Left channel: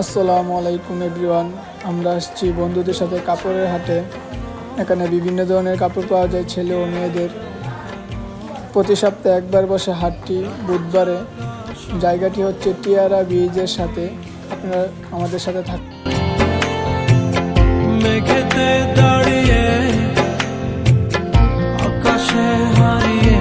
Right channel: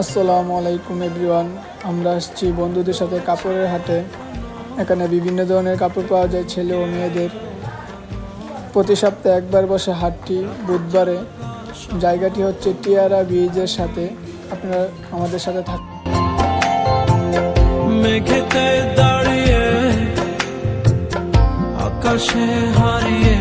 আসসালামু আলাইকুম এভরিওয়ান। আমরা আসছি বন্ধুদের সাথে কাপড়ের হাটে। এখানে বিভিন্ন ধরনের কাপড় পাওয়া যায় ছেলে ও মেয়েদের। প্রতি সপ্তাহে একবার বসে হাটটি বুধবারে। জায়গাটি হচ্ছে টিয়ারা ব্রিজের সাথে। আপনারা আমাদের সাথে থাকুন। মেঘেতে দাঁড়িয়ে আকাশে হারিয়ে